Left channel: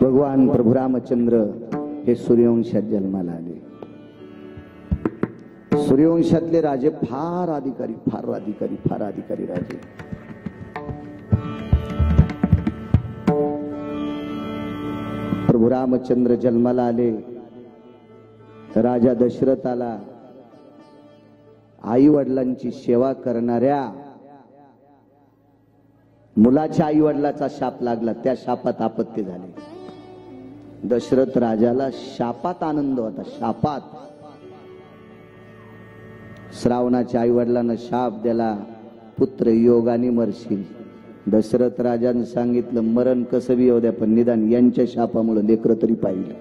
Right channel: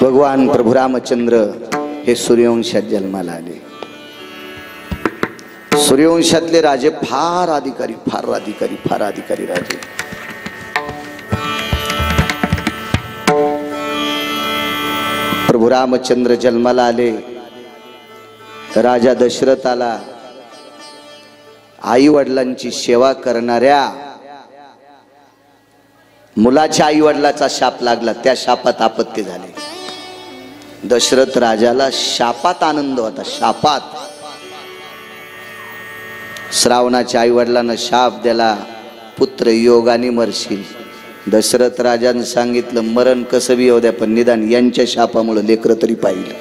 भगवान प्रभू रामचंद्र हे सूर्यवंशात जन्माला आले। सूर्यवंशातले राजे फार अधिकारी राजे। प्रभू रामचंद्र जन्माला आले। राजा दशरथाला आई वडिलांची सेवा करणाऱ्या मुलाच्या आई वडिलाचा शाप लागला। त्या शापात आपत्ती झाली। दशरथ राजाला शापात आनंद होता। शापात श्रावणाच्या आई वडिलांना शाप दिला, पुत्र योगाने मरशील। दशरथ राजाने सांगितलं मरण कसं बी येऊ द्या, पण निदान यांच्या शापामुळे लेकर तरी पाहिलं।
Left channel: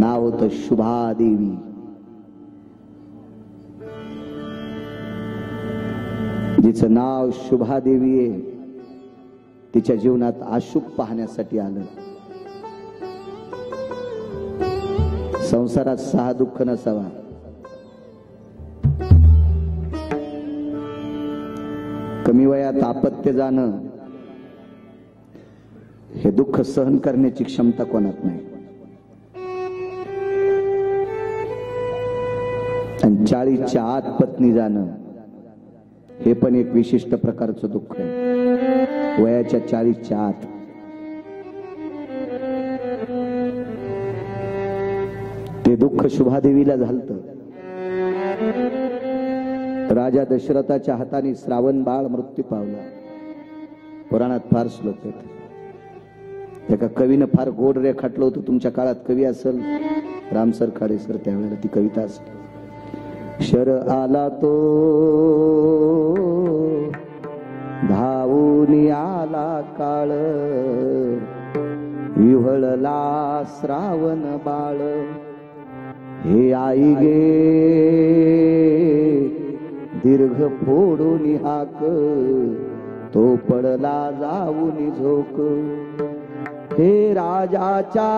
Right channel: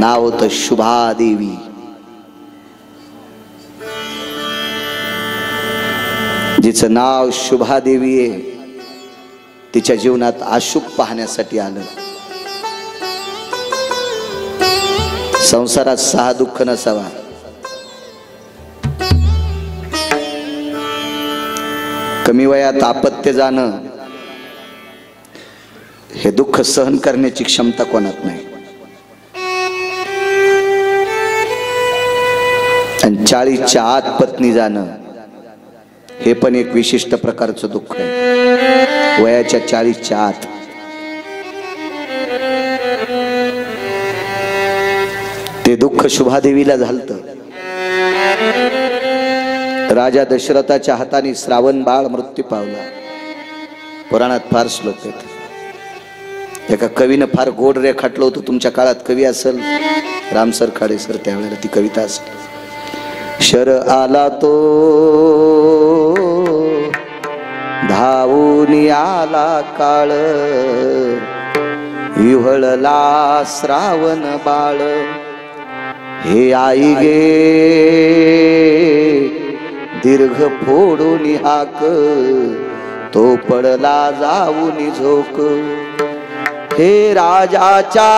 नाव होतं शुभादेवी। जिचं नाव शुभादेवी आहे, तिच्या जीवनात अशुभ पाहण्यासाठी आलं। संसारात 6 दुःख नसावा। कमी वयात अपत्य जाणं हे दुःख सहन करण्याची क्षमता कोणात नाही। आणि 40च्या आत पत्नी जाणं हे पण एक विशिष्ट प्रकारचं दुःख आहे। वयाच्या 40च्या आत ते दुःख शुभादेवीला झालतं। राजा दशरथाच्या हाताने श्रावण बाळ मृत्यू पावला। पुराणात फार श्लोक आहेत। एका कवीनं फार गोड रेखाटलं होतं। तुमच्या काळात कवी असेल रामसर खाडे सर, त्यावेळेला ती कविता असेल। शर आला तो धावून आला काळ, विव्हळला श्रावण बाळ। हे आई गे दीर्घ फोडून हाक, तो पडला जाऊन झोक। हे राजाच्या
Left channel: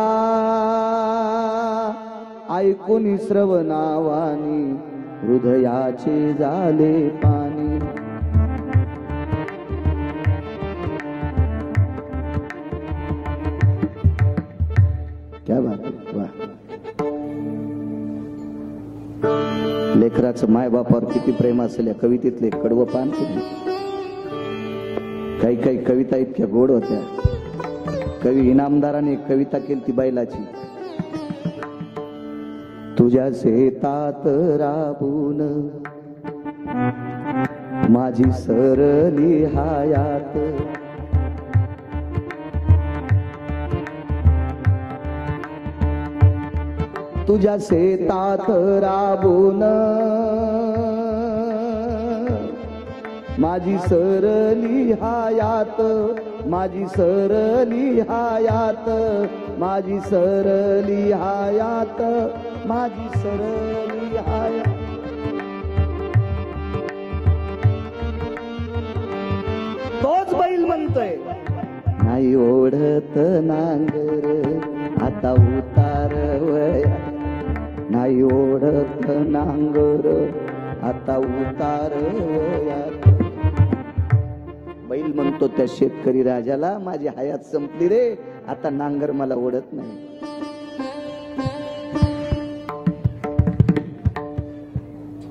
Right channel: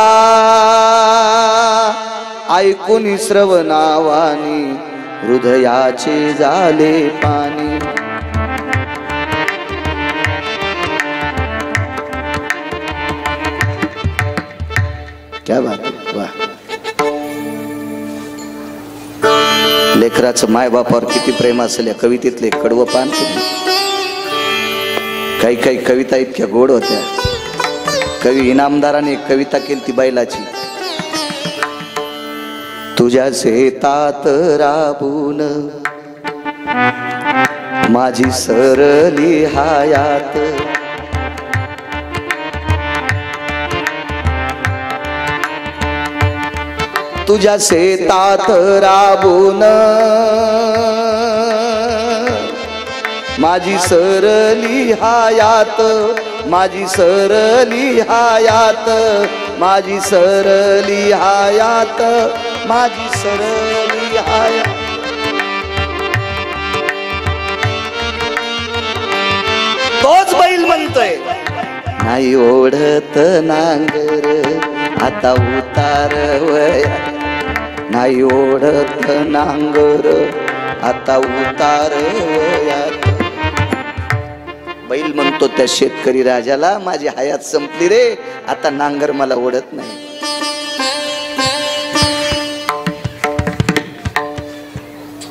ऐकून श्रवणावानी, हृदयाचे झाले पाणी। क्या बात आहे, वाह। लेकराचं मायबापावर किती प्रेम असेल या कवितेतले कडवं पान। काही कविता इतक्या गोड होत्या। कवी इनामदाराने एक कविता केली ती बैलाची। तुझ्या शेतात राबून माझी सरली हयात, तुझ्या शेतात राबून माझी सरली हयात, माझी सरली हयात, माझी सरली हयात, माझी सरली हयात। तोच बैल म्हणतोय नाही ओढत नांगर आता उतार वया, नाही ओढत नांगर आता उतार वयात। बैल म्हणतो त्या शेतकरी राजाला माझी हयात संपली रे, आता नांगर मला ओढत नाही।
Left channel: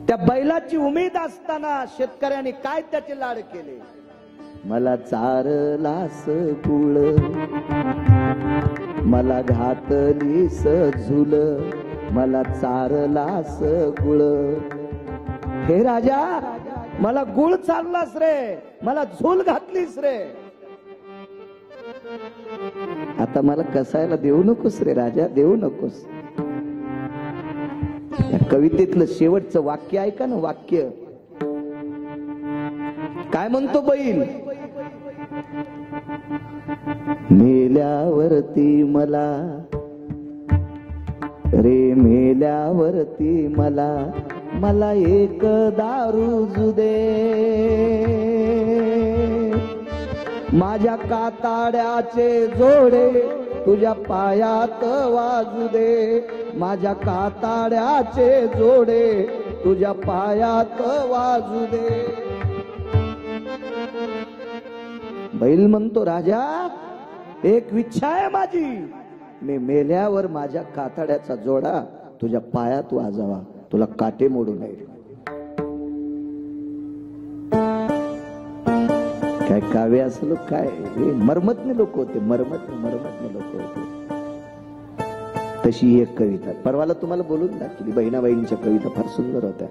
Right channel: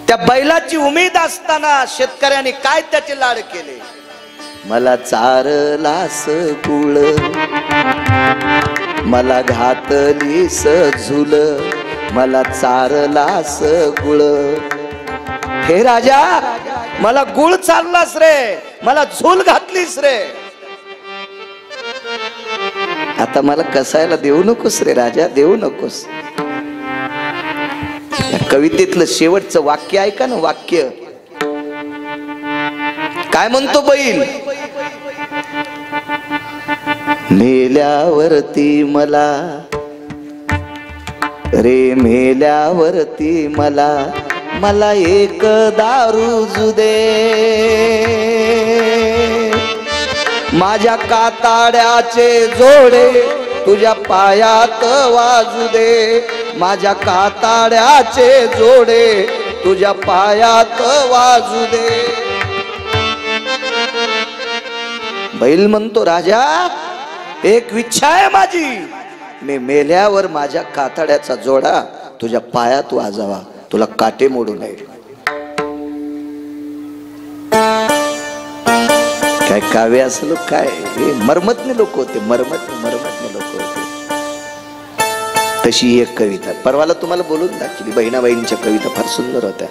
त्या बैलाची उमेद असताना शेतकऱ्याने काय त्याचे लाड केले। मला चारलास गुळ, मला घातलीस झुल, मला चारलास गुळ। हे राजा मला गुळ चारलास रे, मला झूल घातलीस रे, आता मला कसायला देऊ नकोस रे राजा, देऊ नकोस। या कवितेतलं शेवटचं वाक्य ऐका ना। वाक्य काय म्हणतो बैल, मेल्यावरती मला रे, मेल्यावरती मला, मला एक दारू दे, माझ्या काताड्याचे जोडे तुझ्या पायात वाजू दे, माझ्या काताड्याचे जोडे तुझ्या पायात वाजू दे. बैल म्हणतो राजा एक इच्छा आहे माझी, मी मेल्यावर माझ्या कातड्याचा जोडा तुझ्या पायात वाजावा, तुला काटे मोडू नये. काय काव्य असलं काय, हे मर्मज्ञ लोक होते, मर्मज्ञ लोक होते. तशी एक कविता परवाला तुम्हाला बोलून दाखवली. बहिणाबाईंच्या कविता फार सुंदर होत्या.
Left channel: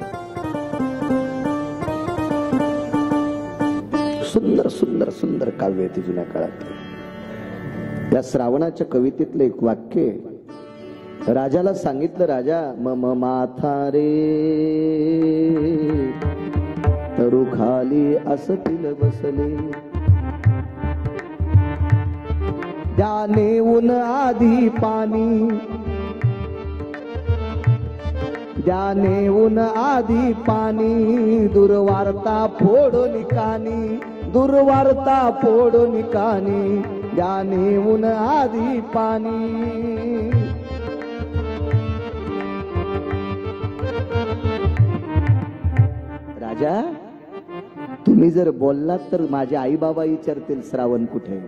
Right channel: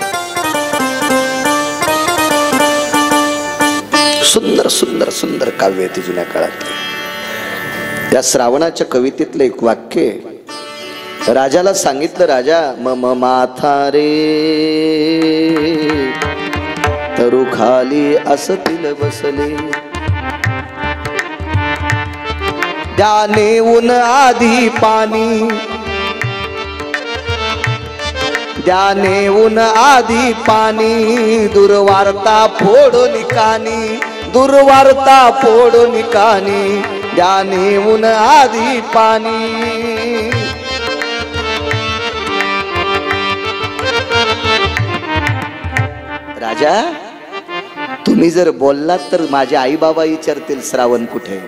सुंदर सुंदर सुंदर काव्य आहे जुन्या काळातले. या श्रावणाच्या कवितेतलं एक वाक्य, राजाला सांगितलं, राजा मम माथा रे तरु खाली असतील बसले, द्याने ऊन आधी पाणी, द्याने ऊन आधी पाणी, दुर्वार्ता फोडून कानी, दुर्वार्ता फोडून कानी, द्याने ऊन आधी पाणी. राजा तुम्ही जर बोललात तर माझे आई बाबा विचारतील श्रावण कुठे.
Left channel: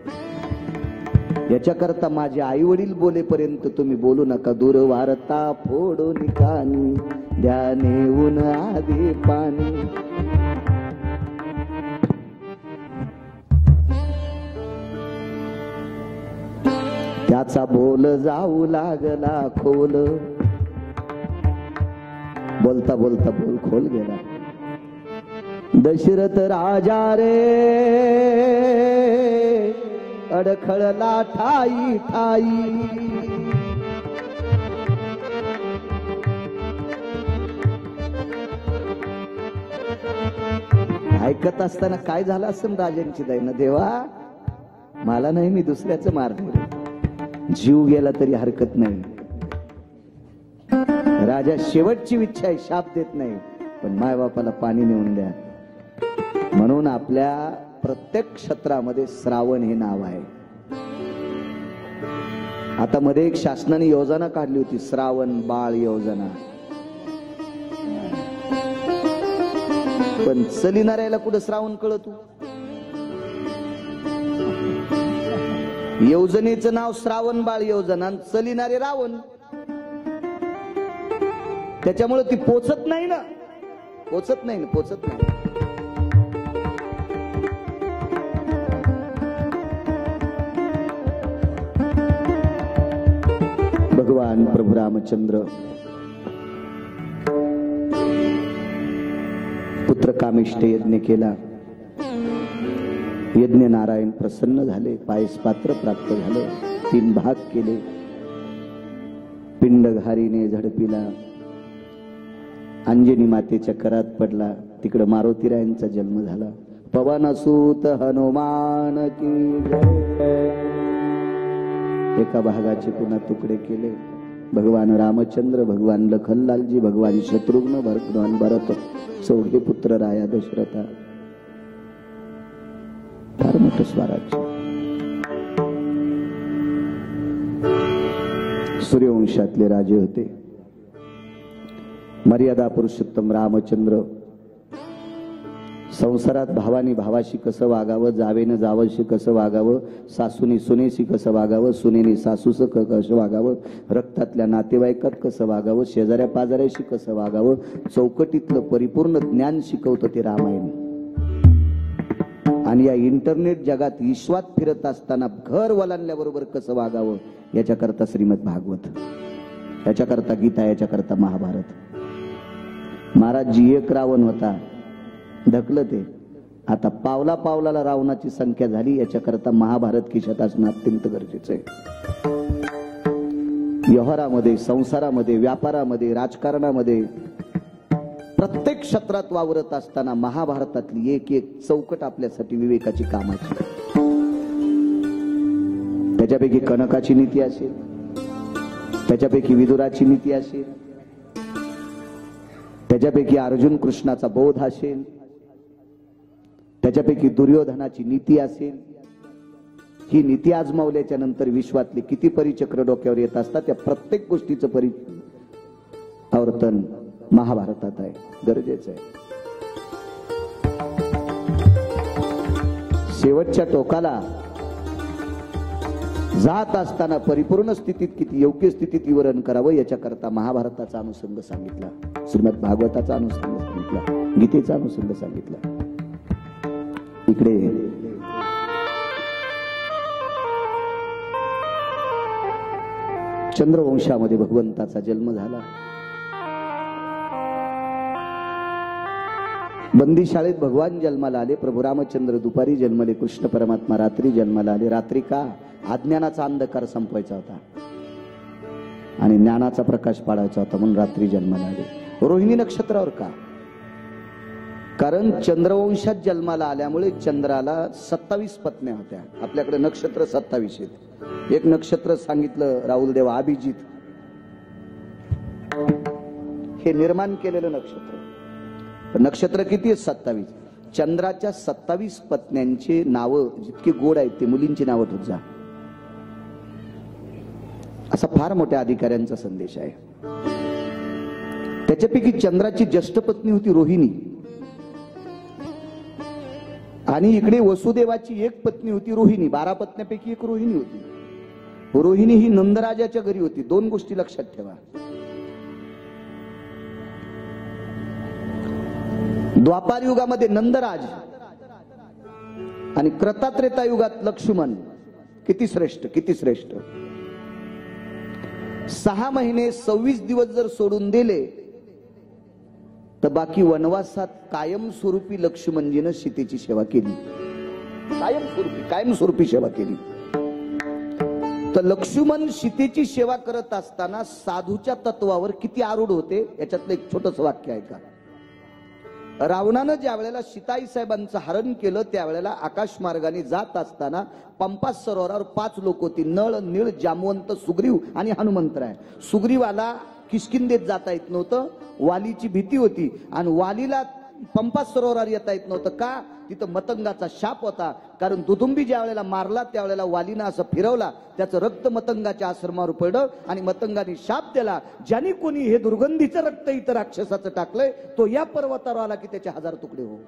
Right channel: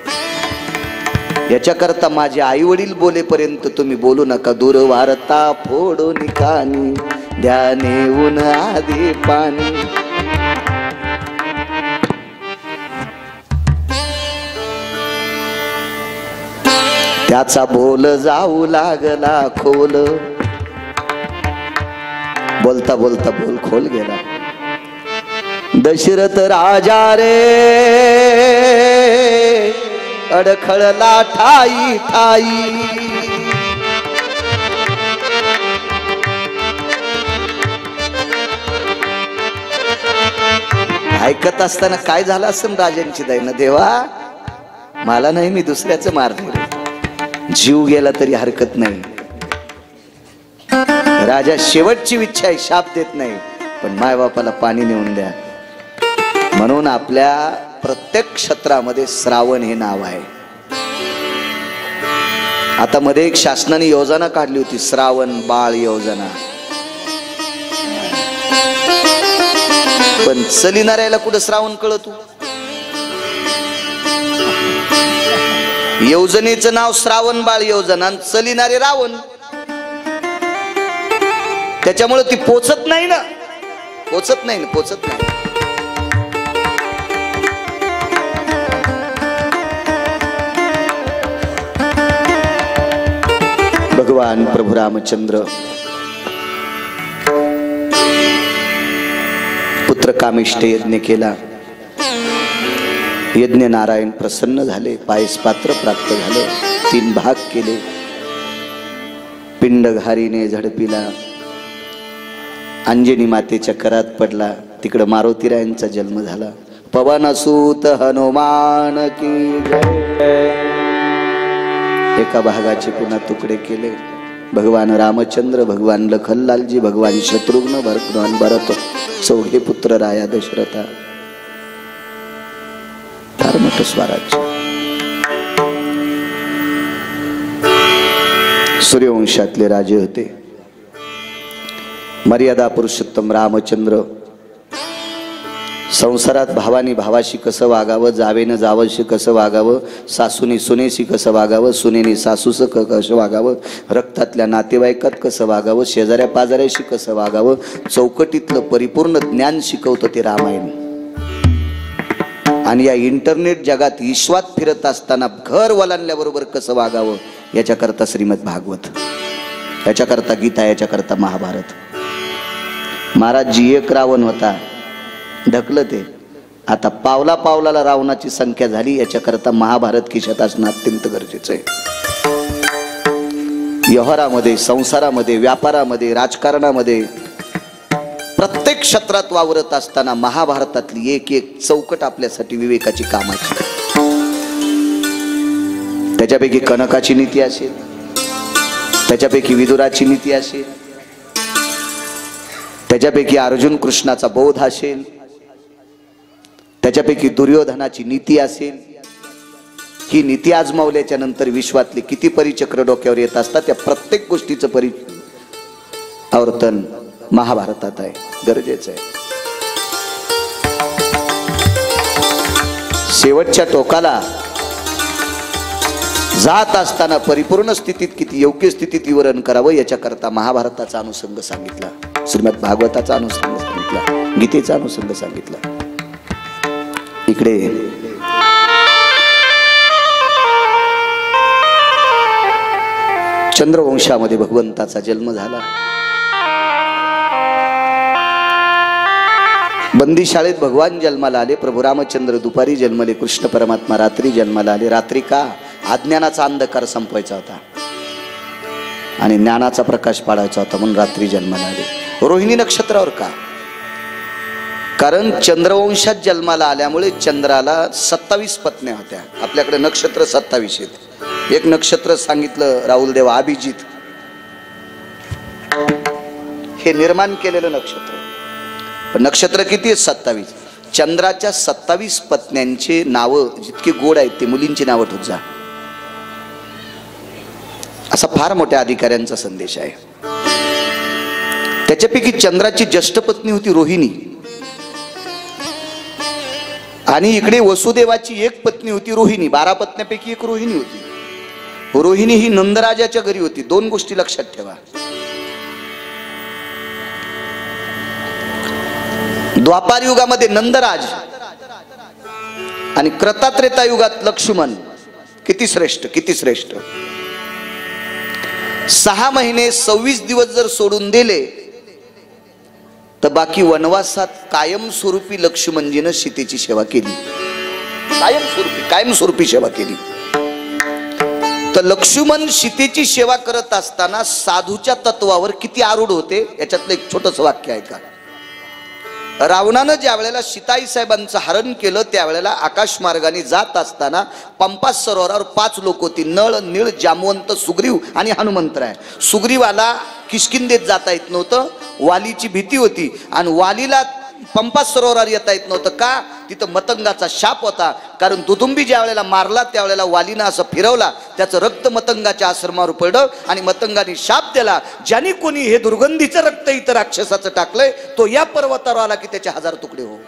याच्याकरता माझे आई वडील बोलेपर्यंत तुम्ही बोलू नका. दुर्वार्ता फोडून कानी, द्याने ऊन आधी पाणी. त्याचा बोल जाऊ लागला खोल, बोलता बोलता बोल खोल गेला. दशरथ राजा रे अडखळला ठाई ठाई, ऐकत असताना काय झालं असं राजांची दैन, देवा मला नाही, मी दुसऱ्याचं मारले, जीव गेला तरी हरकत नाही. राजा शेवटची इच्छा आहे, शाप देत नाही, पण मायबापाला पाणी नेऊन द्या. म्हणून आपल्या प्रत्येक क्षेत्रामध्ये श्रावण हे नाव आहे. आता मध्ये एक शासनाने योजना काढली होती, श्रावण बाळ योजना. पण चलिणाऱ्याला कुठं श्रावण कळत. योजनेचं नाव श्रावण बाळ योजना, चलिणारे रावण. त्याच्यामुळे ती पोचत नाही ना, पोचत नाही. भगवान प्रभू रामचंद्र पुत्र कामिष्ठ यज्ञ केला. यज्ञ नारायण प्रसन्न झाले, पायस पात्र प्राप्त झाले, 3 भाग केले. पिंड घारीने झडपिला, अंजनी मातेच्या करात पडला, तिकडं मारुतीरायांचा जन्म झाला. पवनसूत हनुमान की जय. एका भागाचे पुन्हा तुकडे केले. भगवान रामचंद्र, भगवान लखनलालजी, भगवान शत्रुघ्न, भगवान भरत, चौघे पुत्र राया दशरथा. फार मोठं स्वराज्य. सूर्यवंशातले राजे होते. मर्यादा पुरुषोत्तम रामचंद्र संसारात भावानी भावाशी कसं वागावं, जावेनं जावशी कसं वागावं, सासूनी सुनेशी कसं वागावं, सुनेनी सासूस कसं वागावं, रक्तातल्या नातेवाईकात कसं वागावं, शेजाऱ्या पाजाऱ्याशी कसं वागावं, चौकटीतलं परिपूर्ण ज्ञान शिकवतं ते रामायण. आणि या इंटरनेट जगात विश्वात फिरत असताना घर वलांडल्याबरोबर कसं वागावं याच्याकरता श्रीमद भागवत, याच्याकरता गीता, याच्याकरता महाभारत. महाराजजी एक रावण होता, ढकलं ते. आता पावला पावलाला रावणाची संख्या झाली, याच्याकरता महाभारत खिशात असणं अत्यंत गरजेचं आहे. व्यवहारामध्ये, संसारामध्ये, व्यापारामध्ये, राजकारणामध्ये, प्रत्येक क्षेत्रात वावरत असताना महाभारतातली एक एक चौकट आपल्यासाठी विवेकाची कामाची. त्याच्यापैकी कनकाची नीती असेल, त्याच्यापैकी विदुराची नीती असेल, त्याच्यापैकी अर्जुन कृष्णाचा बोध असेल, त्याच्यापैकी दुर्योधनाची नीती असेल. ही नीती आजमावल्याच्या नंतर विश्वातले किती परिचक्र डोक्यावर येत असतात, त्या प्रत्येक गोष्टीचं आवर्तन महाभारतात आहे, गरजेचं आहे. शेवटच्या टोकाला जात असताना परिपूर्ण स्थितीत किती योग्य स्थितीत विवरण करावं याच्याकरता महाभारताचा अनुषंग सांगितला, श्रीमद भागवताचा अनुषंग सांगितला, गीतेचा अनुषंग सांगितला. इकडे चंद्रवंशामध्ये भगवंताचा जन्म झाला. बंदी शाळेत भगवान जन्माला आले. प्रभू रामचंद्र दुपारी जन्मले, कृष्ण परमात्मा रात्री जन्माला आले. रात्री का? अज्ञानाचा अंधकार संपवायचा होता आणि ज्ञानाचा प्रकाश पाडायचा होता, म्हणून रात्री जन्माला आले. रोहिणी नक्षत्रावर का? कारण चंद्रवंशात जन्माला आल्यामुळे चंद्राला 27 पत्न्या होत्या. आपल्याकडे नक्षत्र 27 आहेत. एक नक्षत्र सांगितलं राहुल देवा, अभिजित, हे निर्माण केलेलं नक्षत्र. पण नक्षत्र किती आहेत? 27. चंद्राच्या 27 पत्न्यांचे नावं जितके गोड आहेत ते मुलींची नावं ठेवत जा, असा फार मोठ्या अधिकाऱ्यांचा संदेश आहे. त्याच्यापैकी चंद्राची ज्येष्ठ पत्नी होती रोहिणी, आणि इकडे वसुदेवाची एक पत्नी होती रोहिणी. 12 पत्न्यापैकी एक रोहिणी होती. रोहिणी ही नंदराजाच्या घरी होती. 2 गोष्टी लक्षात ठेवा. द्वापार युगामध्ये नंदराज आणि क्रतात्रेता युगात लक्ष्मण, किती श्रेष्ठ, किती श्रेष्ठ. 6 महिने 26 दिवस जर सोडून दिले तर बाकी वनवासात कायमस्वरूपी लक्ष्मणजीनं सीतेची सेवा केली. कायमस्वरूपी सेवा केली. तर लक्ष्मण सीतेची सेवा करत असताना साधूच्या तत्वावर किती आरूढ होते याच्यातलं एक छोटस वाक्य आहे का. रावणानं ज्या वेळेला सीताई साहेबांचं हरण केलं त्यावेळेला आकाश मार्गाने जात असताना पंपा सरोवरावर 5 लोक होती. नळ, नीळ, जामवंत, सुग्रीव आणि हनुमंतराय. सुग्रीवाला किष्किंधेत जाता येत नव्हतं, वालीची भीती होती, आणि वालीला पंपा सरोवरावर येता येत नव्हतं. का? तिथं मतंगाचा शाप होता. कारण दुदुंबी ज्या वेळेला मारला त्यावेळेला वालीनं असं फिरवला, त्याचं रक्त मतंगाच्या आश्रमावर पडलं आणि मतंगाने शाप दिला, ज्याने कोणी हे दुर्गंधीचं रक्त इतर राक्षसाचं टाकलंय तो या पर्वतावर आला की त्याचे 1000 तुकडे हो.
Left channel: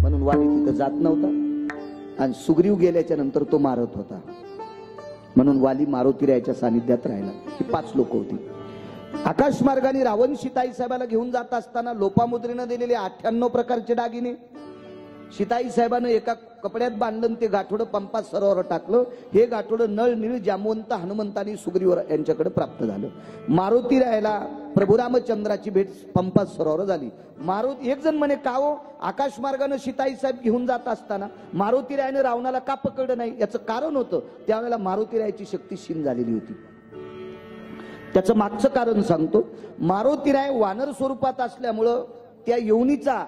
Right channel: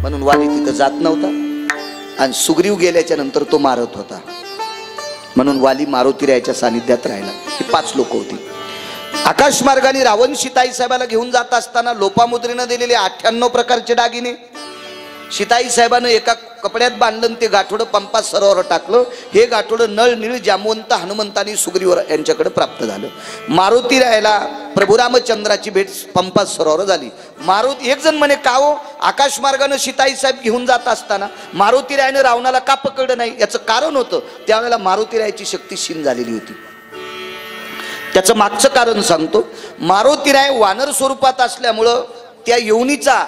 म्हणून वाली तिथं जात नव्हता, आणि सुग्रीव गेल्याच्या नंतर तो मारत होता. म्हणून वाली मारुतीरायाच्या सानिध्यात राहिला. ही 5 लोक होती. आकाश मार्गाने रावण सीताई साहेबाला घेऊन जात असताना लोपामुद्रेनं दिलेले 98 प्रकारचे दागिने सीताई साहेबानं एका कपड्यात बांधलं, ते गाठोडं पंपा सरोवर टाकलं. हे गाठोडं नळ, नीळ, जामवंत, हनुमंतानी सुग्रीव यांच्याकडे प्राप्त झालं. मारुतीरायाला प्रभू रामचंद्राची भेट पंपा सरोवर झाली. मारुती एक जण म्हणे का हो, आकाश मार्गानं सीताई साहेब घेऊन जात असताना मारुतीरायानं रावणाला का पकडलं नाही? याचं कारण होतं, त्यावेळेला मारुतीरायाची शक्ती क्षीण झालेली होती. त्याचं मागचं कारण सांगतो. मारुतीराय वानर स्वरूपात असल्यामुळं त्या योनीचा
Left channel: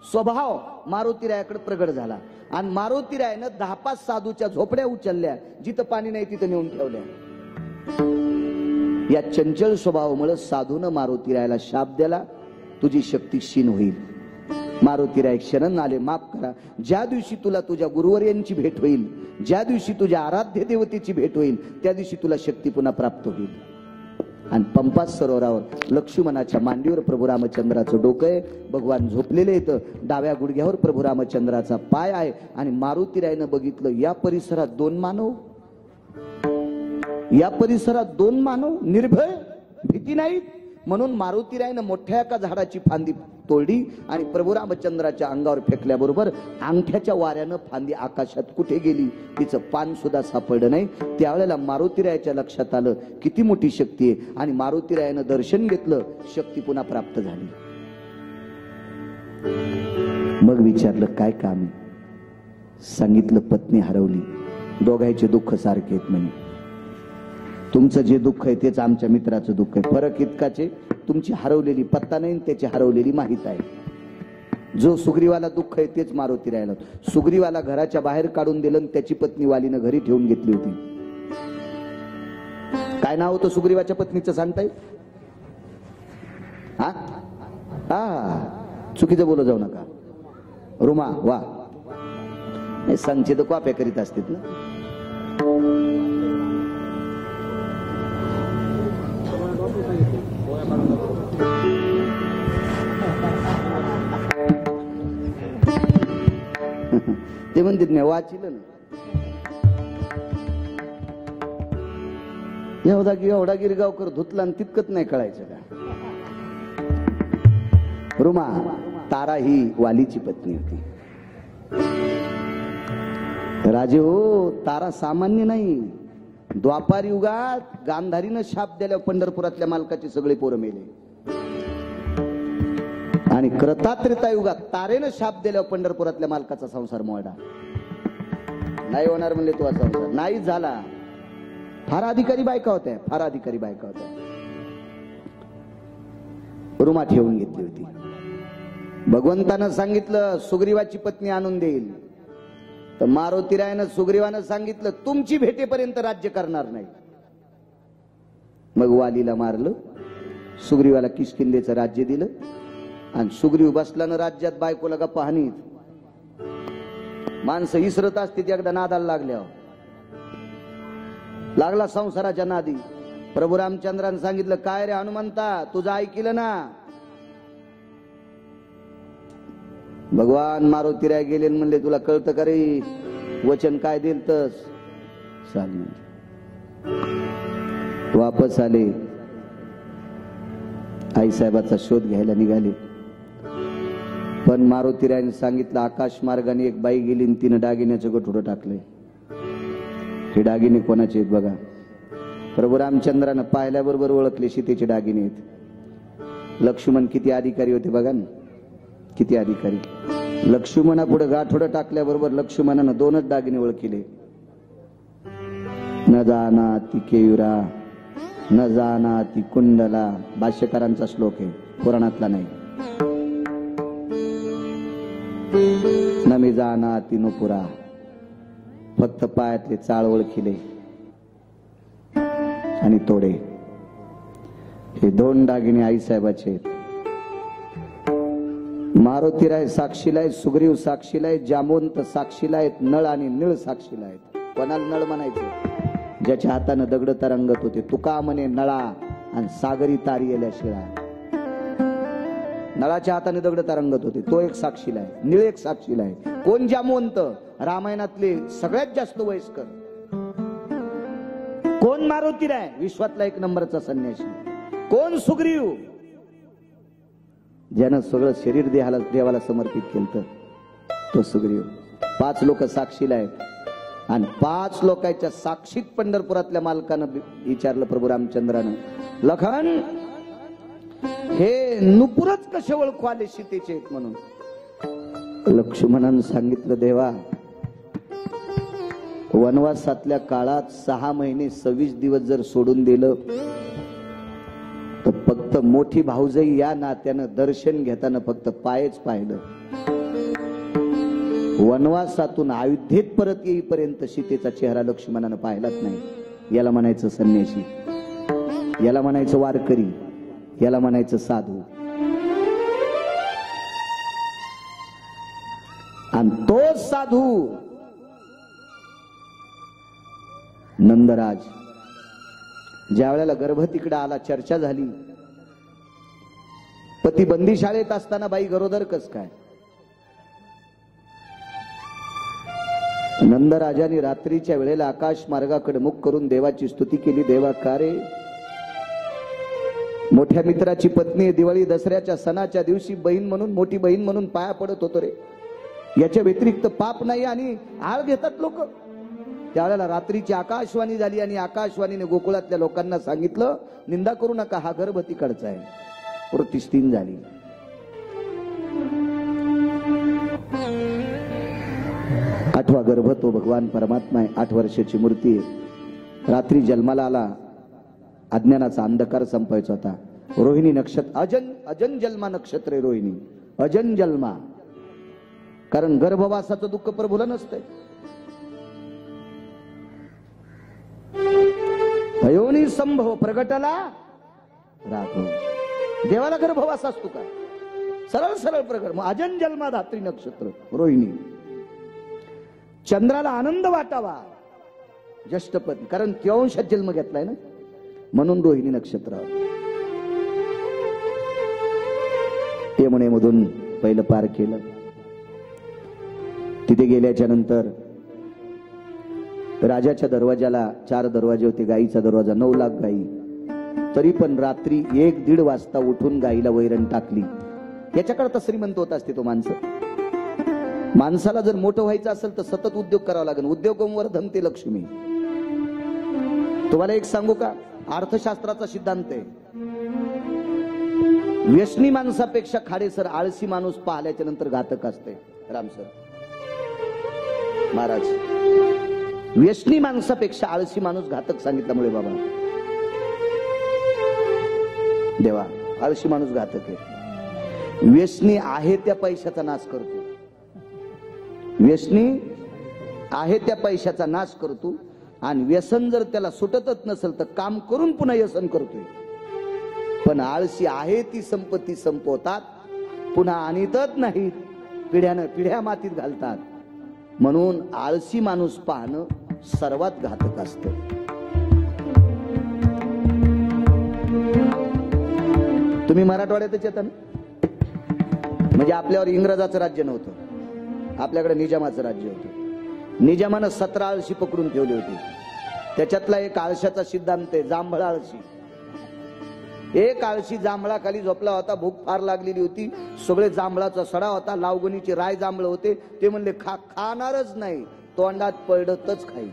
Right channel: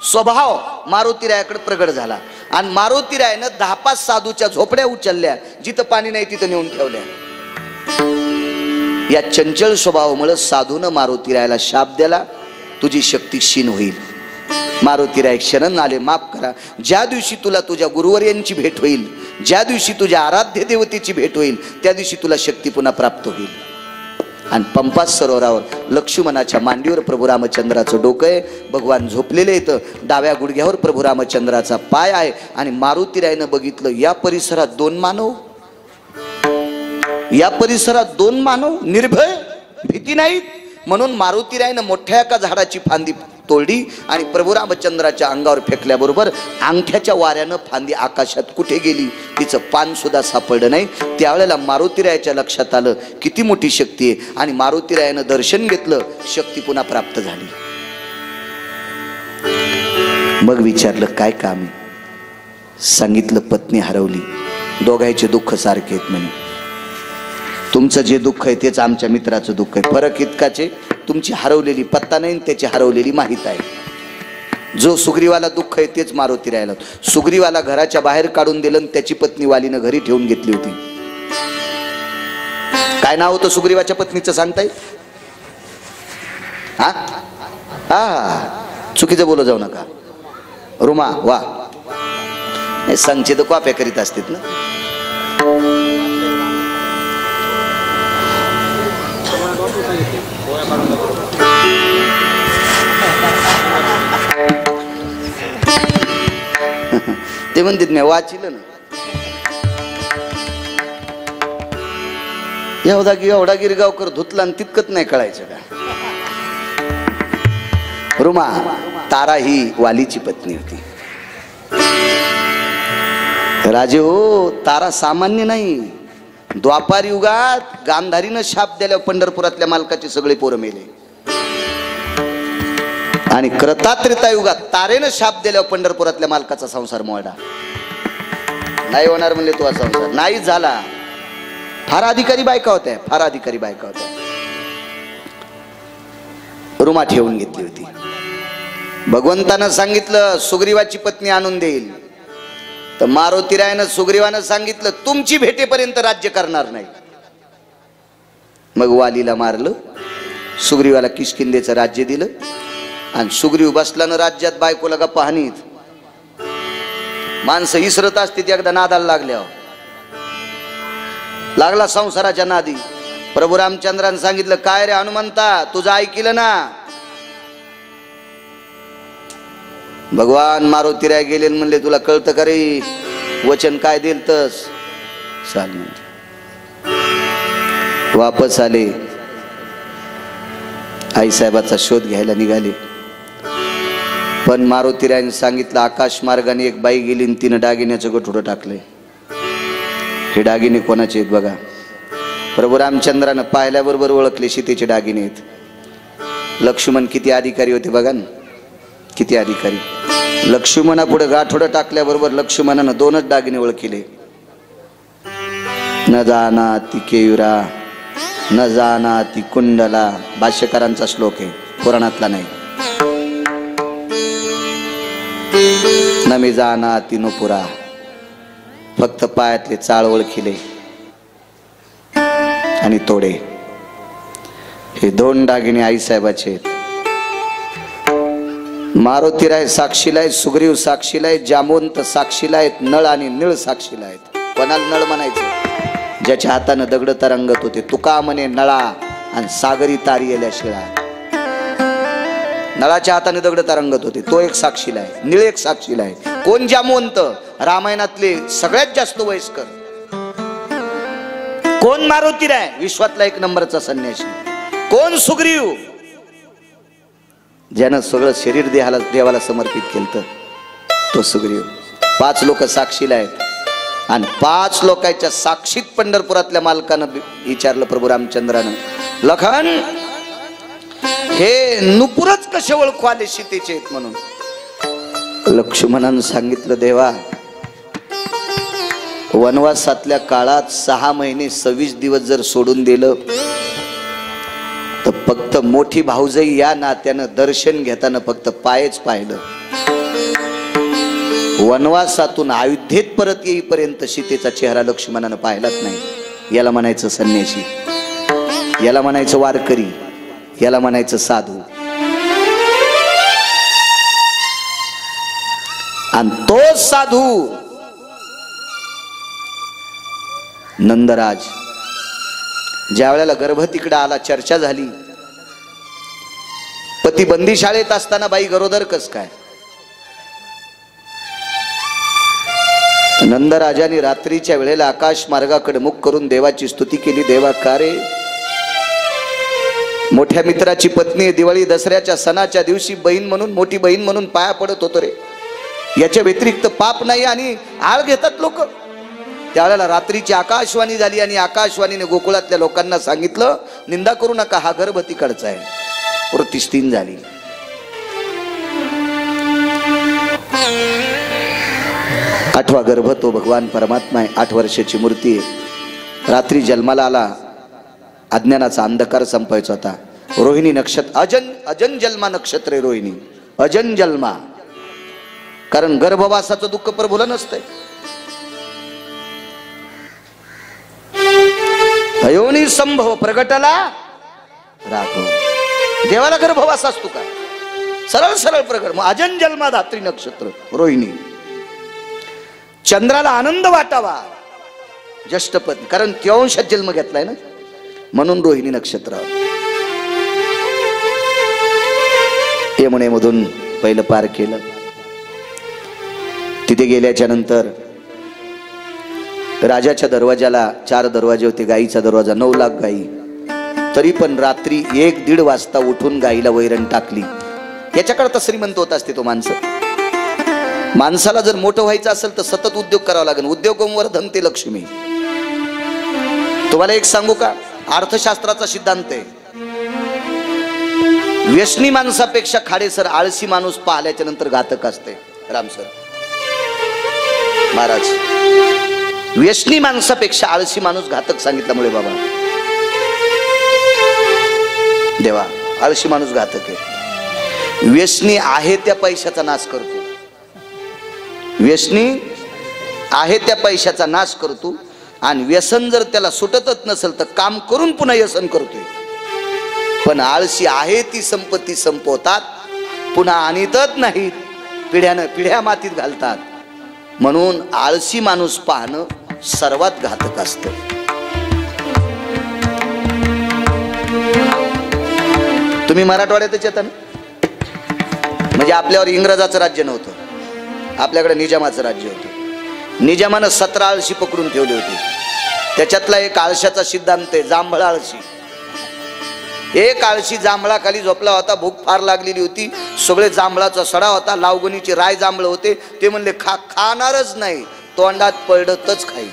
स्वभाव मारुतीरायाकडे प्रगट झाला, आणि मारुतीरायानं 10-5 साधूच्या झोपड्या उचलल्या, जिथं पाणी नाही तिथं नेऊन ठेवल्या. या चंचल स्वभावामुळे साधूनं मारुतीरायाला शाप दिला, तुझी शक्ती क्षीण होईल. मारुतीराय शरण आले, माफ करा. ज्या दिवशी तुला तुझ्या गुरुवर्यांची भेट होईल, ज्या दिवशी तुझ्या आराध्य देवतेची भेट होईल, त्या दिवशी तुला शक्ती पुन्हा प्राप्त होईल. आणि पंपा सरोवरावर लक्ष्मणाच्या मांडीवर प्रभू रामचंद्राचं डोकं आहे. भगवान झोपलेले आहेत. डाव्या गुडघ्यावर प्रभू रामचंद्राचा पाय आहे. आणि मारुतीरायनं बघितलं, या परिसरात 2 मानव, या परिसरात 2 मानव निर्भय, भीती नाहीत. म्हणून मारुतीरायनं मोठ्या एका झाडाची फांदी तोडली आणि प्रभू रामचंद्राच्या अंगावर फेकल्याबरोबर अंगठ्याच्या वाऱ्यानं फांदी आकाशात कुठे गेली, तिचं पान सुद्धा सापडलं नाही. त्यावेळेला मारुतीरायाच्या लक्षात आलं किती मोठी शक्ती आहे, आणि मारुतीरायानं दर्शन घेतलं, शक्ती पुन्हा प्राप्त झाली. मग विचारलं काय काम आहे? सांगितलं पत्नी हरवली, दोघांचे दुःख सारखे आहेत म्हणे. तुमचं जे दुःख आहे तेच आमच्या मित्राचं दुःख आहे. फरक इतकाच आहे, तुमची हरवलेली पत्ता नाही, त्याची हरवलेली माहित आहे. जो सुग्रीवाला दुःख आहे तेच मारुतीरायाला. सुग्रीवाला घराच्या बाहेर काढून दिलं, त्याची पत्नी वालीनं घरी ठेवून घेतली होती. काय नाव होतं सुग्रीवाच्या पत्नीचं सांगताय? हा हा, चुकीचं बोलू जाऊ नका. रुमा. वा, संचित कॉप्या करीत असतात ना. ते म्हणतात मी वाचिलं ना, एवढा गिरगावकर धुतला आणि तितकत नाही कळायचं का? रुमा तारा ही वालीची पत्नी होती. राजे हो, तारा सामान्य नाही. द्वापार युगात गांधारीनं शाप दिल्या पंढरपुरातल्या मालकाचे सगळे पोरं मेले, आणि कृतात्रेता युगात तारेनं शाप दिल्यावर पंढरपुरातल्या मालकाचा संसार मोडा. नाही होणार म्हणले तो संसार, नाही झाला. फार अधिकारी बायका होत्या, फार अधिकारी बायका होत्या. रुमा ठेवून घेतली होती. भगवंतानं सांगितलं सुग्रीवाची पत्नी आणून देईल, तर मारुतीरायानं सुग्रीवानं सांगितलं तुमची भेटेपर्यंत राज्य करणार नाही. मग वालीला मारलं, सुग्रीवाला किष्किंधेचं राज्य दिलं, आणि सुग्रीव बसला ना राज्यात बायकोला गप्पा हानीत. माणसं इसरत असते एकदा नादाला लागला संसाराच्या नादी. प्रभू रामचंद्रानं सांगितलं काय रे हनुमंता, तुझं ऐकलं ना? भगवान मारुतीराय गेले म्हणले तुला कळतं का रे, वचन काय दिल तस चाल. म्हणजे वापस आले, आईसाहेबाचा शोध घ्यायला निघाले. पण मारुतीरायने सांगितलं आकाश मार्गाने एक बाई गेली आणि तिनं दागिन्याचं गठुडं टाकलंय. हे दागिने कोणाचे आहेत बघा. प्रभू रामचंद्रानं पाहिल्याबरोबर ओळखले सीतेचे दागिने आहेत. लक्ष्मण किती अधिकारी होते बघा ना, किती अधिकारी. लक्ष्मणा पुढे गाठोडं टाकल्याबरोबर लक्ष्मणानं 2च दागिने ओळखले. न जाना ती केयुरा, न जाना ती कुंडला. भाष्यकारांचा श्लोक आहे, पुराणातला नाही. न मी जाना ती नुपुरा. फक्त पायातले चाळ ओळखिले आणि तोडे. हे 2 दागिने आईसाहेबाचे आहेत. मारुतीराय साक्षीला आहेत, सुग्रीव साक्षीला आहेत, जामवंत साक्षीला आहेत, नळ आणि निळ साक्षीला आहेत. कोणाला नळ म्हणायचं? ज्याच्या हातानं दगड तरंगत होते. तुका म्हणे नळा आणि सागरी तारी येल्या शिळा. नळाच्या हाताने दगड तरंगत होते, तो एक साक्षीला आहे. निळ एक साक्षीला आहे. कोण जामवंत? रामायणातले सगळ्यात जास्त वयस्कर. कोण मारुतीराय? विश्वातला 1 नंबरचा संन्यासी. कोण सुग्रीव? ज्यानं सगळं शरीर देवाला समर्पित केलं, तो सुग्रीव. 5 लोक साक्षीला आहेत, आणि 5 लोकांच्या साक्षीत पंढरपुरातल्या मालकानं विचारलं प्रभू रामचंद्रानं, लखन हे नुपुरच कसे ओळखू आले सीतेचे आहेत म्हणून? लक्ष्मणानं सांगितलं देवा, वनवासातल्या काळात 6 महिने 26 दिवस जर सोडून दिलं तर फक्त मोठी भाऊजाई या नात्यानं दर्शन घेताना फक्त पायच पाहिलं. वनवासातून अयोध्येत परत येईपर्यंत सीतेचा चेहरा लक्ष्मणानं पाहिलाच नाही. याला म्हणायचं संन्यासी, याला म्हणायचं वारकरी, याला म्हणायचं साधू. आणि तो साधू नंदराज ज्या वेळेला गर्भ तिकडे आला, चर्चा झाली. पती बंदी शाळेत असताना बाई गरोदर कस काय? नंदराजाने रात्रीच्या वेळेला आकाश मार्गाकडे मुख करून देवाची स्तुती केली. देवा का रे, मोठ्या मित्राची पत्नी दिवाळी दसऱ्याच्या सणाच्या दिवशी बहीण म्हणून, मोठी बहीण म्हणून पाया पडत होतो रे. याच्या व्यतिरिक्त पाप नाही आणि आळ घेतात लोक. त्यावेळेला रात्रीची आकाशवाणी झाली आणि आकाशवाणीने गोकुळातल्या लोकांना सांगितलं निंदा करू नका, हा गर्भ तिकडचा आहे. प्रतिष्ठीन झाली. आठवा गर्भ तो भगवान परमात्मा आहे. 8 वर्षाची मूर्ती आहे. रात्री जन्माला आला, अज्ञानाचा अंधकार संपायचा होता. रोहिणी नक्षत्र, अजन जन्मा नक्षत्र आहे रोहिणी, अजन जन्मा. कारण गर्भवासाचं दुःख प्रभूला नसतंय. अयोनी संभव प्रगटला राघव. देवाला गर्भवास असतो का? सरळ सरळ प्रगट. मग अजन जन्मा धात्री नक्षत्र रोहिणी. चंद्राला आनंद वाटावा ज्येष्ठपद, कारण त्योंशात जन्म घेतलाय ना, म्हणून रोहिणी नक्षत्र. यमुनेमधून पहिलं पार केलं. तिथे गेल्याच्या नंतर राजाच्या दरवाजाला 4 दरवाजे होते, गाईचा दरवाजा 9 लाख गाई, तरी पण रात्री 1-1:30 वाजता उठून गाईला वैरण टाकली. याच्याकडे श्रीमंत होत असते तो माणसाला जर मोठं व्हायचं असेल तर सतत उद्योग करावा लागेल. उद्योगमवर धनते लक्ष्मी. तुम्हाला एक सांगू का, अर्थशास्त्राचा सिद्धांत आहे, व्यसनी माणसापेक्षा खाडेसर आळशी माणूस पाहिल्याच्या नंतर घातक असते. रामसर महाराज, व्यसनी माणसापेक्षा आळशी माणूस घातक सांगितल्यामुळे बाबा देवा, आळशी माणूस घातक आहे. व्यसनी आहे त्या पैशाचा नाश करतो, व्यसनी आहे त्या पैशाचा नाश करतो, आणि व्यसन जर त्याला सुटतच नसेल तर काम करून पुन्हा व्यसन करतोय. पण आळशी आहे ती संपत्ती संपवतात, पुन्हा आणतच नाहीत, पिढ्यानं पिढ्या मातीत घालतात. म्हणून आळशी माणूस पाहणं सर्वात घातक असतं. तुम्ही मराठवाड्यातच येता ना, म्हणजे आपल्यावर इंग्रजाचं राज्य नव्हतं, आपल्याकडे निजामाचं राज्य होतं. निजामानं 17 आळशी पकडून ठेवले होते. त्याच्यातला एक आळशाचा सिद्धांत आहे, जांभळा आळशी. एक आळशी जांभळाखाली झोपला होता, भूक फार लागलेली होती, सगळे जांभळाचा सडा होता, लावगणीचे राय जांभळ होते. ते म्हणले खाणारच नाही, तोंडात पडतच खाई.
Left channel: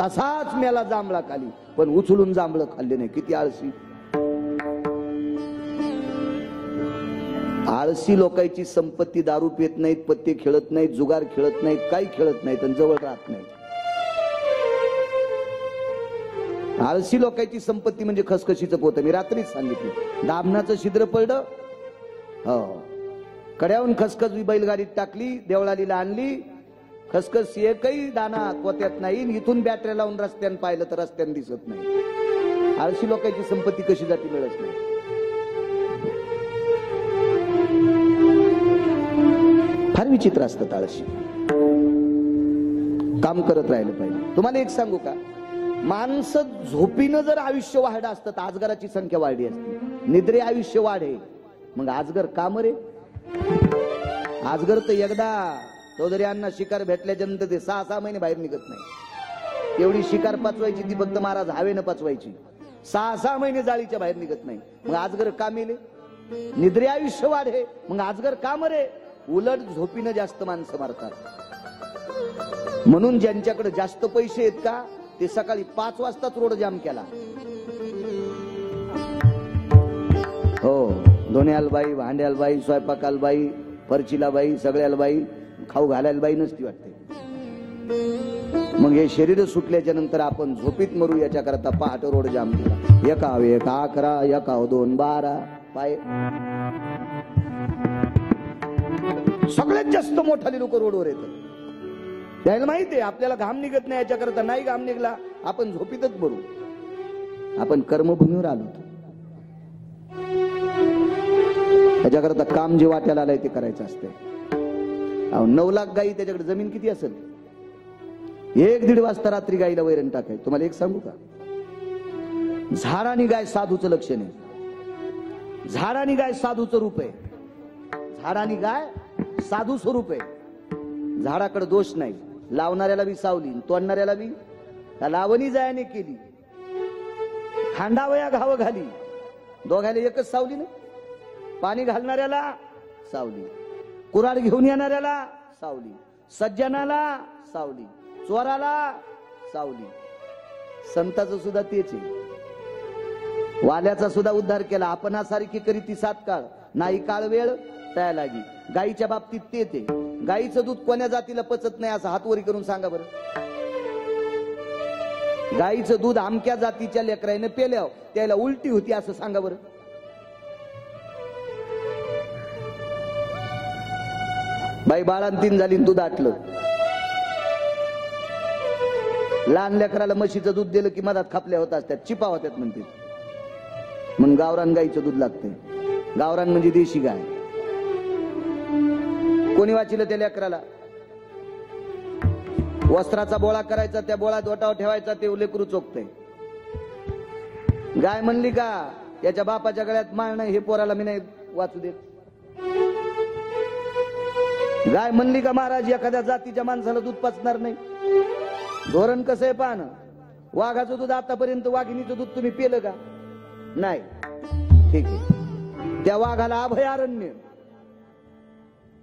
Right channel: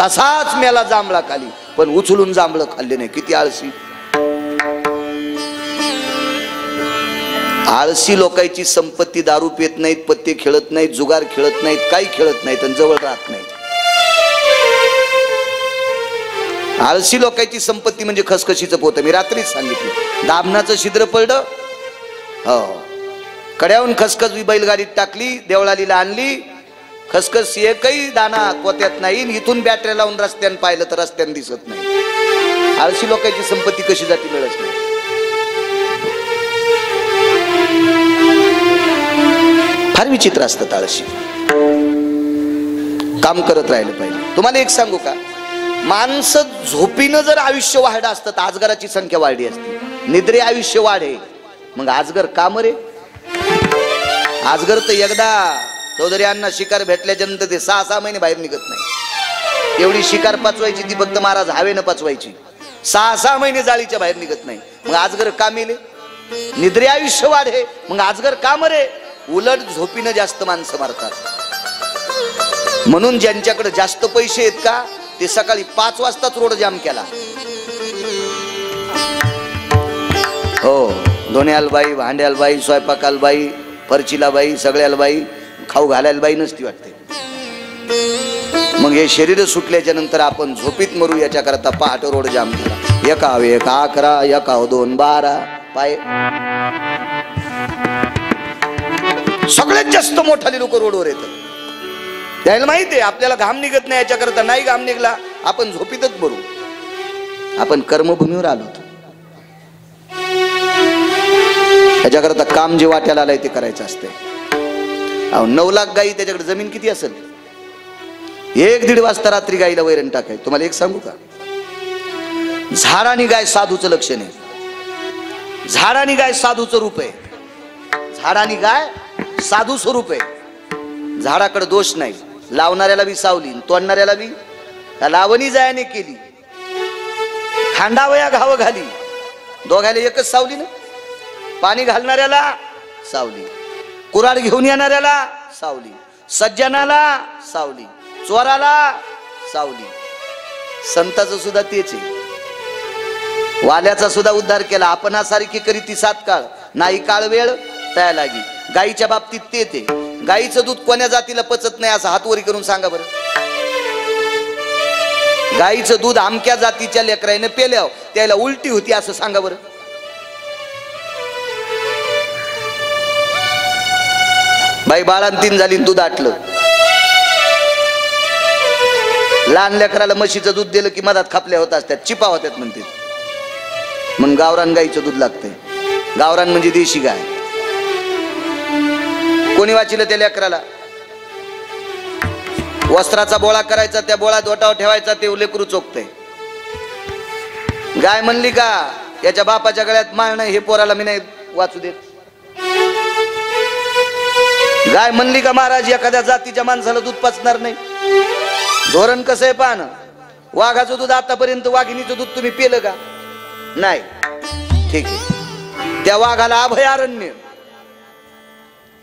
तसाच मेला जांभळा खाली, पण उचलून जांभळ खाल्ले नाही. किती आळशी. आळशी लोकांची संपत्ती दारू पित नाहीत, पत्ते खेळत नाहीत, जुगार खेळत नाहीत, काही खेळत नाहीत आणि जवळ राहत नाहीत. आळशी लोकांची संपत्ती म्हणजे खसखशीचं पोतं. मी रात्रीच सांगितलं, दाभनाचं छिद्र पडलं, हो, कड्याहून खसखस बैलगाडीत टाकली, देवळालीला आणली, खसखस एकही दाना पोत्यात नाही. इथून बॅटऱ्या लावून रस्त्यानं पाहिलं तर रस्त्यानं दिसत नाही. आळशी लोकांची संपत्ती कशी जाती मिळत नाही. फार विचित्र असतात आळशी. काम करत राहिलं पाहिजे. तुम्हाला एक सांगू का, माणसं झोपीनं जर आयुष्य वाढलं असतं तर आजगराची संख्या वाढली असती. निद्रे आयुष्य वाढे, मग आजगर काम रे. आजगर तर एकदा चौधरी शिकार भेटल्याच्या नंतर ते 6-6 महिने बाहेर निघत नाही. एवढी शिकार पचवायची ती फक्त महाराज हवेनं पचवायची. 6-6 महिने जाळीच्या बाहेर निघत नाही. मग आजगर का मेले? निद्रे आयुष्य वाढे, मग आजगर काम रे. उलट झोपीनं जास्त माणसं मारतात. म्हणून ज्यांच्याकडे जास्त पैसे आहेत का, ते सकाळी 5 वाजताच रोड जाम केला. हो, धोण्याला बाई, भांड्याला बाई, स्वयंपाकाला बाई, फरचीला बाई, सगळ्याला बाई, खाऊ घालायला बाई नसती वाटते. मग हे शरीर सुटल्याच्या नंतर आपण झोपीत मरू याच्या करता पहाटे रोड जाम केला. 1-11, 1-2-12 पाय. सगळ्यात जास्त मोठाले लोक रोडवर येतात. त्याला माहिती आहे आपल्याला घाम निघत नाही, याच्या करता नाही घाम निघला आपण झोपीतच मरू. आपण कर्मभूमीवर आलो, याच्याकरता काम जे वाट्याला आलंय ते करायचं असते. 9 लाख गाई, त्याच्याकडे जमीन किती असेल? 1-1:30 वाजता रात्री गाईला वैरण टाकाय. तुम्हाला एक सांगू का, झाडानी गाय साधूचं लक्षण आहे. झाडानी गाय साधूचं रूप आहे. झाडानी गाय साधू स्वरूप आहे. झाडाकडे दोष नाही, लावणाऱ्याला बी सावली, तोडणाऱ्याला बी. लावणी जायाने केली, खांडावया घाव घाली, दोघायला एकच सावली ना. पाणी घालणाऱ्याला सावली, कुऱ्हाड घेऊन येणाऱ्याला सावली, सज्जनाला सावली, चोराला सावली. संताचं सुद्धा तेच आहे. वाल्याचा सुद्धा उद्धार केला. आपणासारखी करी ती 7 काळ, नाही काळ वेळ तया लागी. गाईच्या बाबतीत ते ते गाईचं दूध कोण्या जातीला पचत नाही असं हातवरी करून सांगा बरं. गाईचं दूध आमक्या जातीच्या लेकराने पेल्यावर त्याला उलटी होती असं सांगा बरं. बाई बाळांतीन झाली, दूध आटलं. लहान लेकराला म्हशीचं दूध दिलं की मधात खापल्या होत असतात, चिपा होत्यात म्हणते. मग गावरान गाईचं दूध लागतंय. गावरान म्हणजे देशी गाय. कोणी वाचिलं त्या लेकराला? वस्त्राचा बोळा करायचा, त्या बोळात ओटावर ठेवायचा, ते लेकरू चोखतंय. गाय म्हणली का याच्या बापाच्या गळ्यात माळ नाही, हे पोराला मी नाही वाचू देत. गाय म्हणली का महाराज एखाद्या जातीच्या माणसाला दूध पाचणार नाही? धोरण कसं आहे पाहणं. वाघाचं दूध आतापर्यंत वाघिणीचं दूध तुम्ही पिलं का? नाही. ठीक आहे, त्या वाघाला अभयारण्य.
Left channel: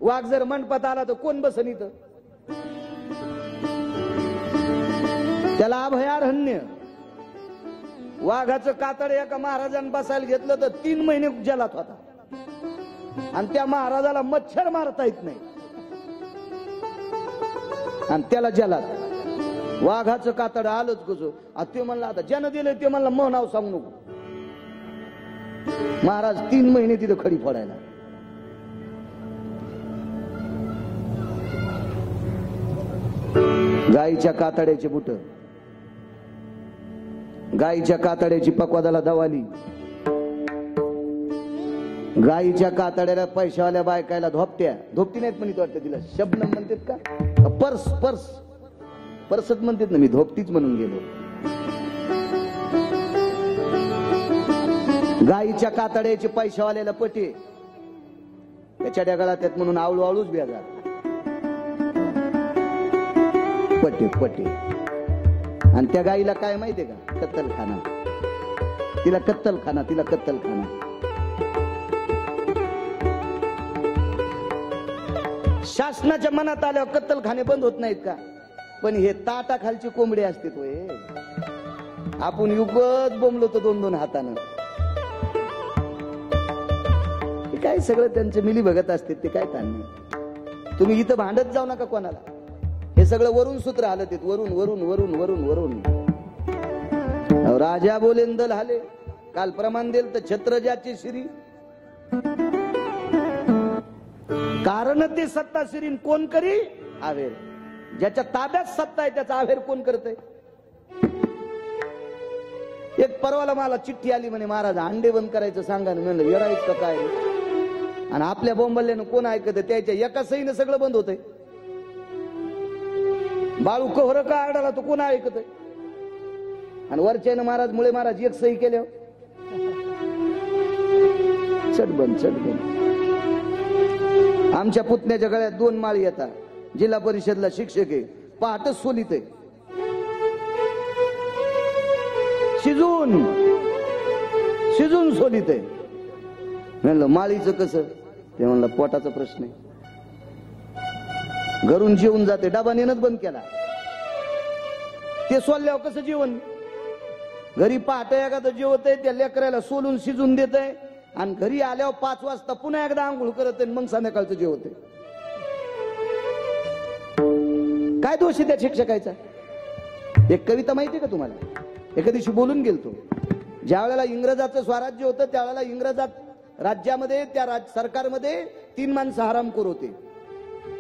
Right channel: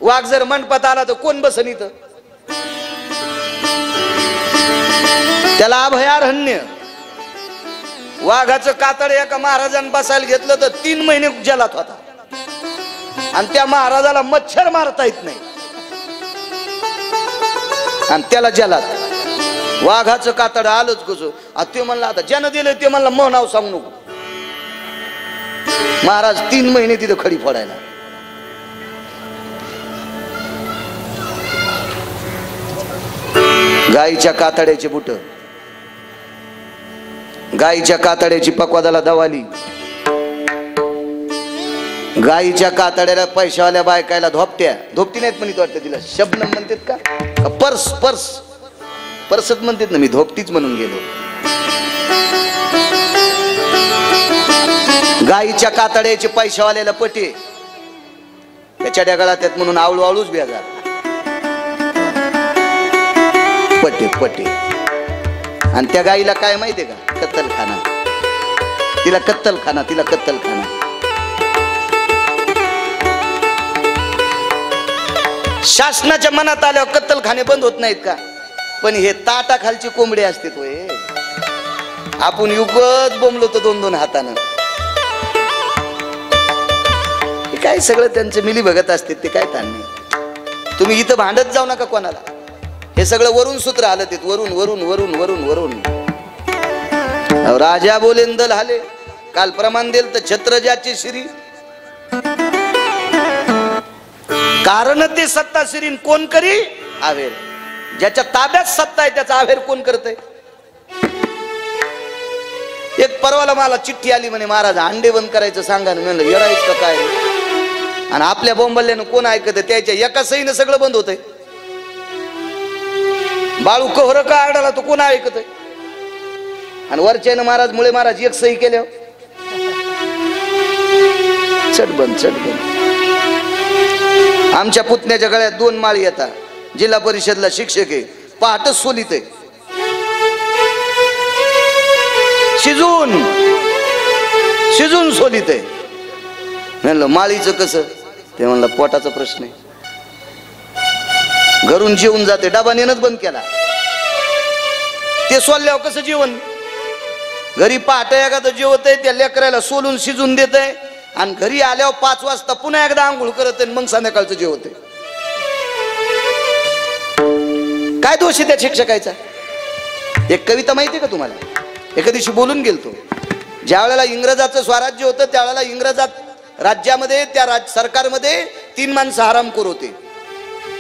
वाघ जर मंडपात आला तर कोण बसन इथं? त्याला अभयारण्य. वाघाचं कातड एका महाराजांनी बसायला घेतलं तर 3 महिने जलात होता, आणि त्या महाराजाला मच्छर मारता येत नाही, आणि त्याला जलात. वाघाचं कातड आलंच कसं. ते म्हणलं आता ज्यानं दिलं ते म्हणलं मग नाव सांगू नको. महाराज 3 महिने तिथं खडी फोडायला. गाईच्या कातड्याची बुट, गाईच्या कातड्याची पकवादाला दवाली. गाईच्या कातड्याला पैशावाल्या बायकायला धोपट्या. धोपटी नाहीत म्हणत वाटतं तिला, शबनम म्हणतात का? पर्स पर्स पर्सच म्हणतात ना. मी धोपटीच म्हणून गेलो. गाईच्या कातड्याचे पैशावाल्याला पटे, त्याच्या डगाळा त्यात म्हणून आवळू आवळूच बेजार. पटे पटे. आणि त्या गाईला काय माहितीये का? कत्तलखाना. तिला कत्तलखाना, तिला कत्तलखाना. शासनाच्या मनात आल्यावर कत्तलखाने बंद होत नाहीत का? पण हे ताटाखालची कोंबडी असते तो. आपण युगत बोंबलो तो 2-2 हातानं. काय सगळं त्यांचं मिली बघत असते, ते काय ताण नाही. तुम्ही इथं भांडत जाऊ नका कोणाला. हे सगळं वरून सूत्र आलं ते, वरून वरून वरून वरून वरून. राजा बोलेन दल हाले, काल प्रमाण देल तर छत्र ज्याची श्री. कारण ते सत्ता श्रीन कोण करी आवेर. ज्याच्या ताब्यात सत्ता आहे त्याचा आवेर कोण करतय? एक परवाला मला चिठ्ठी आली म्हणे, महाराज अंडे बंद करायचं सांगा ना. म्हणलं येडायच का काय? आणि आपल्या बोंबल्यानं कोण ऐकत? त्याच्या एका सहीनं सगळं बंद होतंय. बाळू कोहर का आरडाला तो कोण ऐकत? आणि वरच्यानं महाराज मुळे महाराज एक सही केल्या, चटबंद चटबंद. आमच्या पुतण्याच्या गळ्यात 2 माळी येतात. जिल्हा परिषदला शिक्षक आहे, पहाटच सोलीत आहे. शिजून शिजून सोलीत आहे. म्हणलं माळीचं कसं? ते म्हणलं पोटाचा प्रश्न आहे. घरून जेवून जाते, डबा नेणंच बंद केला. ते सोलल्यावर कसं जेवण? घरी पहाटे एखादं जेवत आहे, त्या लेकराला सोलून शिजून देत आहे, आणि घरी आल्यावर 5 वाजता पुन्हा एकदा आंघोळ करत आहे, मग संध्याकाळचं जेवत आहे. काय दोष आहे त्या शिक्षकाचा? एक कविता माहिती आहे का तुम्हाला? एका दिवशी बोलून गेलतो. ज्या वेळेला इंग्रजाचं स्वराज्य होतं त्यावेळेला इंग्रजात राज्यामध्ये, त्या सरकारमध्ये 3 माणसं हरामखोर होते.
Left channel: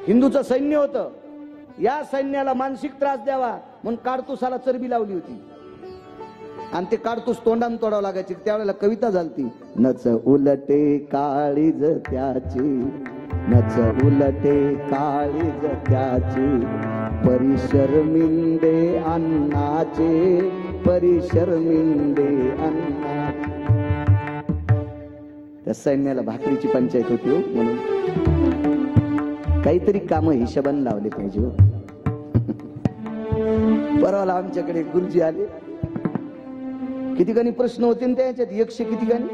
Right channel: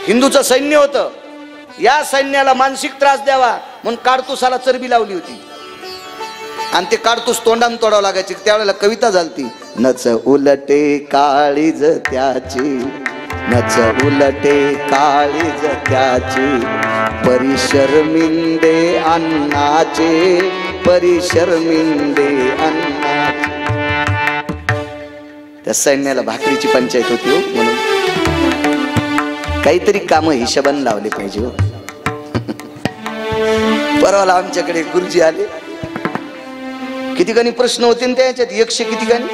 हिंदूचं सैन्य होतं. या सैन्याला मानसिक त्रास द्यावा म्हणून काडतुसाला चरबी लावली होती, आणि ते काडतूस तोंडान तोडावं लागायचे. त्यावेळेला कविता झालती, नच उलटे काळीज त्याची, नच उलटे काळीज त्याची, परिशर्मिंदे अन्नाचे, परिशर्मिंदे अन्नाचे. त्या सैन्याला भाकरीची पंचायत होती हो, म्हणून काहीतरी काम हिशोबाने लावले पाहिजे हो. परवाला आमच्याकडे गुरुजी आले. किती गाणी प्रश्न होते ना त्याच्यात? 100 किती गाणी?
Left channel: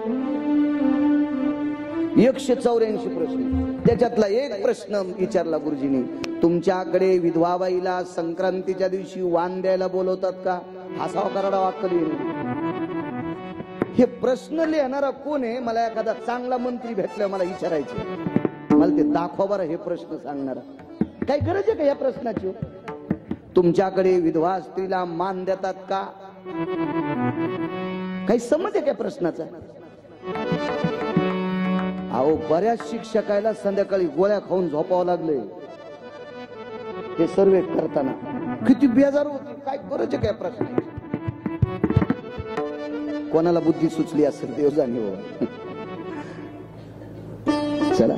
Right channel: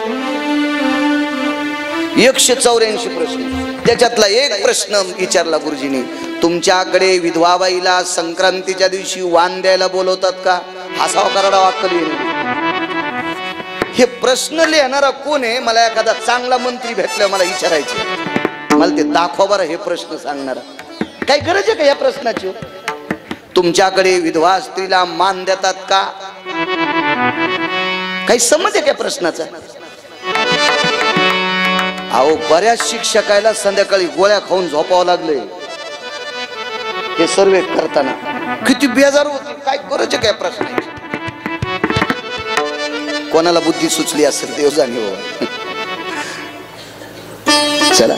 184 प्रश्न. त्याच्यातला एक प्रश्न विचारला गुरुजींनी, तुमच्याकडे विधवाबाईला संक्रांतीच्या दिवशी वाण द्यायला बोलवतात का? हसावा करडा वाक्कली. हे प्रश्न लिहिणारा कोण आहे? मला एखादा चांगला मंत्री भेटला मला विचारायचे. मला ते दाखवा बरं हे प्रश्न सांगणारा. काय गरज आहे का या प्रश्नाची? तुमच्याकडे विधवा स्त्रीला मान देतात का? काही समज आहे का प्रश्नाचा? अहो बऱ्याच शिक्षकाला संध्याकाळी गोळ्या खाऊन झोपावं लागले हे सर्वे करताना. किती बेजार होते. काय गरज आहे काय प्रश्नाची? कोणाला बुद्धी सुचली असेल देव जाणे. चला